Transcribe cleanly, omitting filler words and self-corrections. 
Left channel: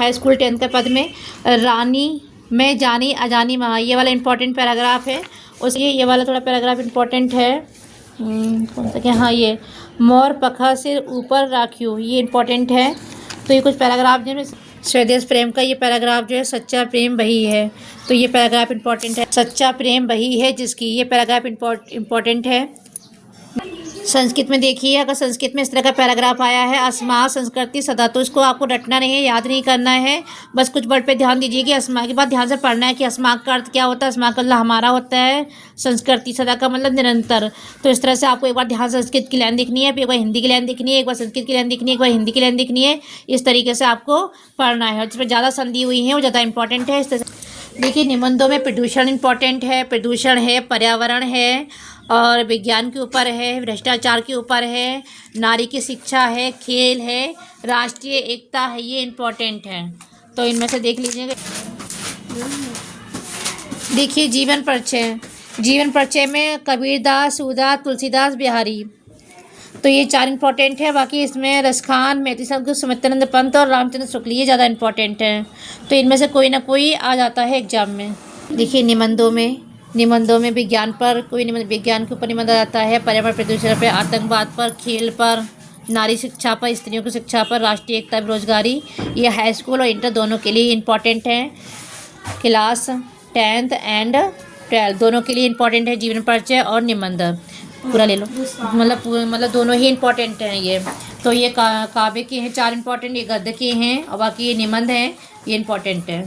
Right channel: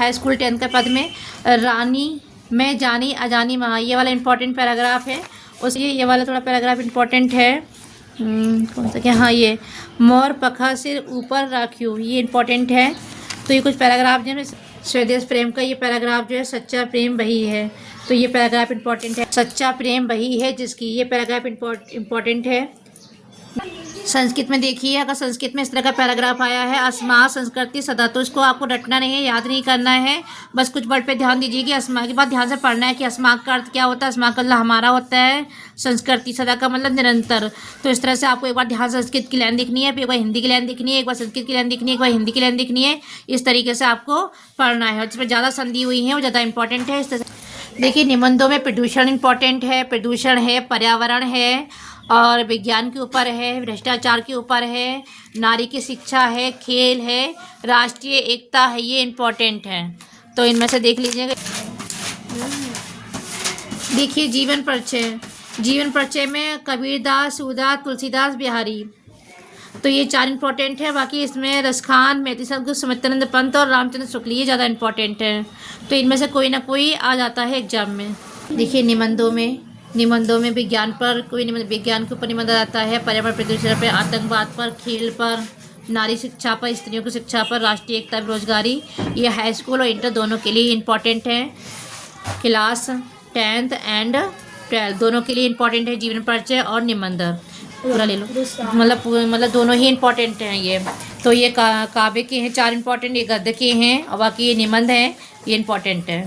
High school 10th के पद में रानी में जानी अजानी वहाँ, ये वाला इंपॉर्टेंट पैराग्राफ है। उसके ये वाला थोड़ा पैराग्राफ इंपॉर्टेंट है। कौन सा क्या, हाँ ये मोर पखा से ऊपर राखियो, ये इंपॉर्टेंट है। तो ये कुछ पैराग्राफ जो है स्वदेश प्रेम का, ये पैराग्राफ जो है सच्चा प्रेम वही है, तो ये पैराग्राफ इंपॉर्टेंट है। सच्चा प्रेम वही है जिसकी, ये पैराग्राफ इंपॉर्टेंट है। संस्कृत में देखिए, अगर संस्कृत में इस तरह का पैराग्राफ आया है अस्मा संस्कृति सदा, तो इसको आपको रटना नहीं है, याद नहीं करना है, बस कुछ वर्ड पे ध्यान दीजिए कि अस्मा के बाद ध्यान से पढ़ना है कि अस्मा का अर्थ क्या होता है। अस्मा का मतलब हमारा होता है, संस्कृति सदा का मतलब निरंतर। तो इस तरह से आपको एक बार ध्यान संस्कृत की लाइन दिखनी है, फिर एक बार हिंदी की लाइन दिखनी है, एक बार संस्कृत की लाइन दिखनी है, एक बार हिंदी की लाइन दिखनी है। इस तरीके से आपको पढ़ना है, और जिसमें ज़्यादा संधि हुई है वो ज़्यादा इंपॉर्टेंट है। इस तरह से देखिए निबंधों में प्रदूषण इंपॉर्टेंट है, प्रदूषण है, पर्यावरण है, और विज्ञान के ऊपर है, भ्रष्टाचार के ऊपर है, नारी की शिक्षा है, खेल है, राष्ट्रीय एकता है, ये इम्पोर्टेंट है। तो इनमें से देख लीजिएगा। देखिए जीवन परिचय, जीवन परिचय में कबीरदास, सूरदास, तुलसीदास, बिहारी, तो ये 4 इंपॉर्टेंट है। बाकी इसमें रसखान, मैथिली संस्कृत, सुमित्रानंद पंत और रामचंद्र शुक्ल, ये ज़्यादा इंपॉर्टेंट है। तो इनमें से कोई ना कोई आ जाता है एग्जाम में। देखिए निबंधों में विज्ञान पर कोई निबंध, विज्ञान के ऊपर निबंध आता है, पर्यावरण प्रदूषण पर, आतंकवाद पर, खेल पर, नारी शिक्षा पर, स्त्रियों की शिक्षा पर, राष्ट्रीय एकता, बेरोजगारी, ये हाई स्कूल और इंटर दोनों के लिए इम्पॉर्टेंट है। क्लास 10th एंड 12 दोनों के लिए इम्पॉर्टेंट है, जीवन परिचय और निबंध पूरा ले लो, मतलब दोनों ही इम्पॉर्टेंट हैं ये। तो ये काव्य के हैं 4 इम्पॉर्टेंट, ये गद्य के हैं, और बाकी ये निबंध हैं, ये इम्पॉर्टेंट है।